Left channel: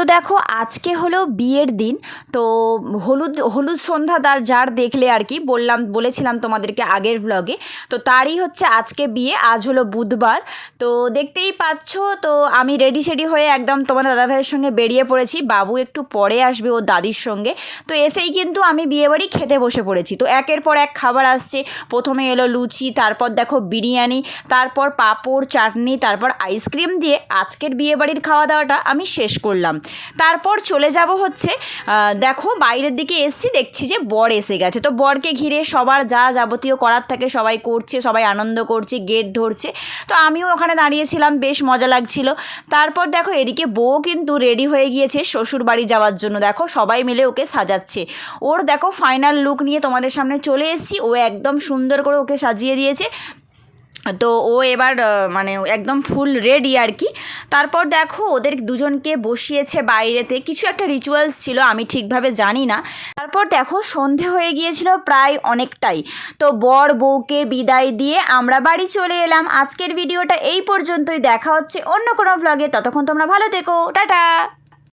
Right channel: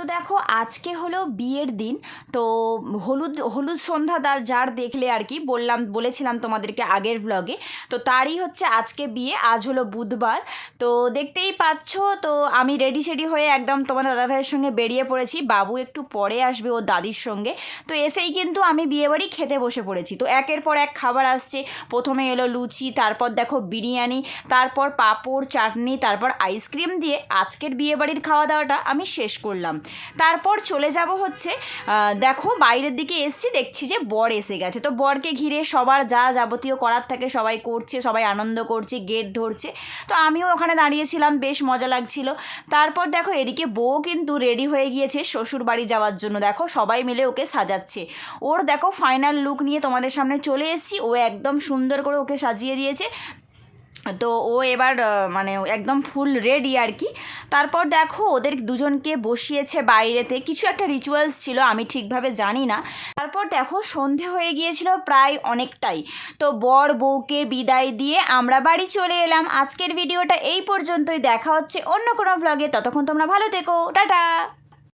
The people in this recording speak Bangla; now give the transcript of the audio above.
তো দেখো আজকে হলো বিয়ের দিন। তো হলুদ হলুদ সন্ধ্যা যার দেখলে আর কি বলেছিলাম তোমাদেরকে আগের ব্লগে। তো তারই হচ্ছে আজকে বিয়ে, আজ হলো বুধবার। তো দেখতেই পাচ্ছ, তো আমি রেডি সেডি হয়ে একদম তোমার দাদাভাইয়ের সঙ্গে বেরিয়ে পড়েছি। বাবু একটু পরে আসবে ওর দাদির সঙ্গে। তো এসেই কিন্তু আমি বিয়েবাড়ি খেতে বসে পড়েছি। তো একের পর এক খাবার আসছে। প্রথমে এলো লুচি, তারপর দেখো বিরিয়ানি, তারপর পাঁপড় চাটনি, তারপর আইসক্রিম দিয়ে আজকের বিয়েবাড়ির খাওয়া দাওয়াটা আমি শেষ করলাম। তারপর চলে যাব হচ্ছে দেখো বাইরের দিকে এসছি, দেখছি যে বর এসে গেছে। তো বরকে ঘিরে সবার যা যাবতীয় করার থাকে সবাই করছে, সবাই আনন্দ করছে, গেট ধরছে। তো আমিও ওখানে দাঁড়িয়েছিলাম, বেশ মজা লাগছিল। তারপর দেখো এদিকে বউ কিন্তু রেডি হয়ে গিয়েছে শ্বশুর বাড়ি যাওয়ার জন্য। দেখো সবাই মিলে ওকে সাজাচ্ছে। ওর দেখো ফাইনাল লুক নিয়ে তোমাদের সামনে চলে এসেছি। ও একদম সুন্দর করে ওকে সাজিয়ে দিয়েছে। তো ও এবার মানে একদম ফুল রেডি আর কি। তারপর দেখো ওদের দুজনকে বসিয়েছে বাইরেতে, কিছু একটা রিচুয়ালস ছিল, আমি ঠিকভাবে জানি না। তারপর দেখো সন্ধে হয়ে গিয়েছিল প্রায় অনেকটাই। তো বর বউকে বিদায় দিয়ে আমরা বাড়ি চলে এলাম। আজকের ভিডিওটা এই পর্যন্তই, দেখা হচ্ছে অন্য কোনো ভ্লগে। ততক্ষণ তোমরা ভালো থেকো, টাটা।